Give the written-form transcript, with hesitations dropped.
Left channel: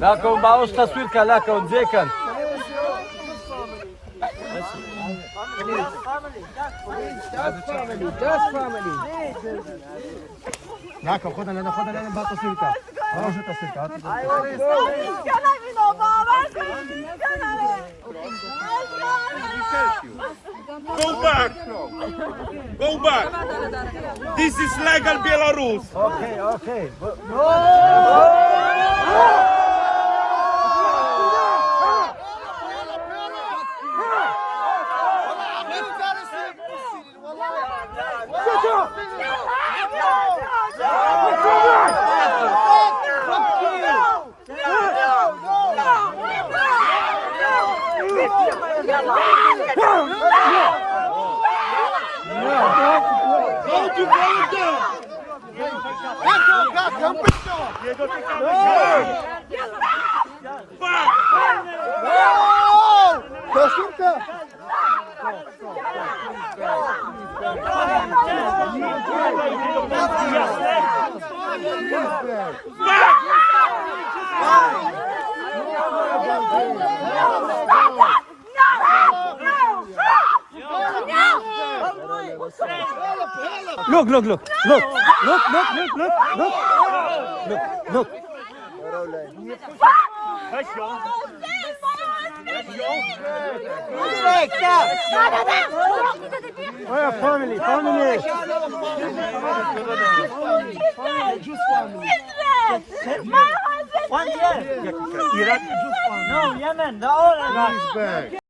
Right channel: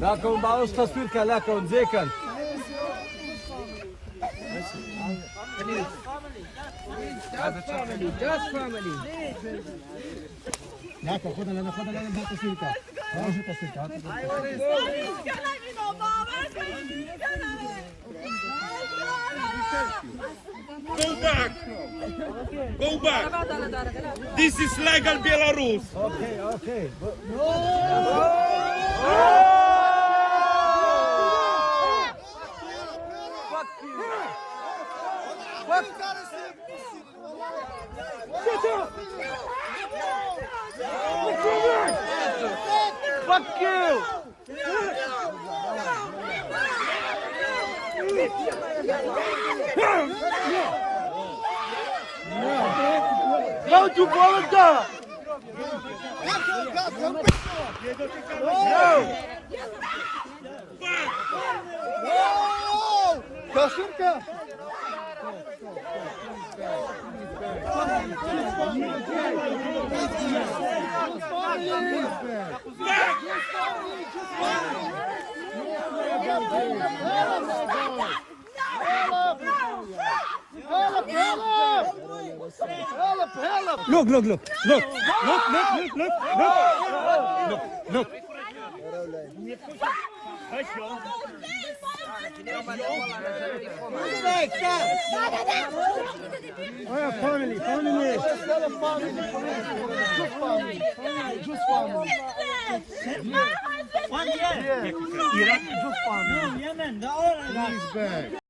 Laką ma osta córka, laką, dziekan. Laką, chodzę na bardzo córka. Proszę ta córka. Go back! Go back! This is legal Belarus! Okay. Look. Family. One year. Iraq, no, Yemen, the oil.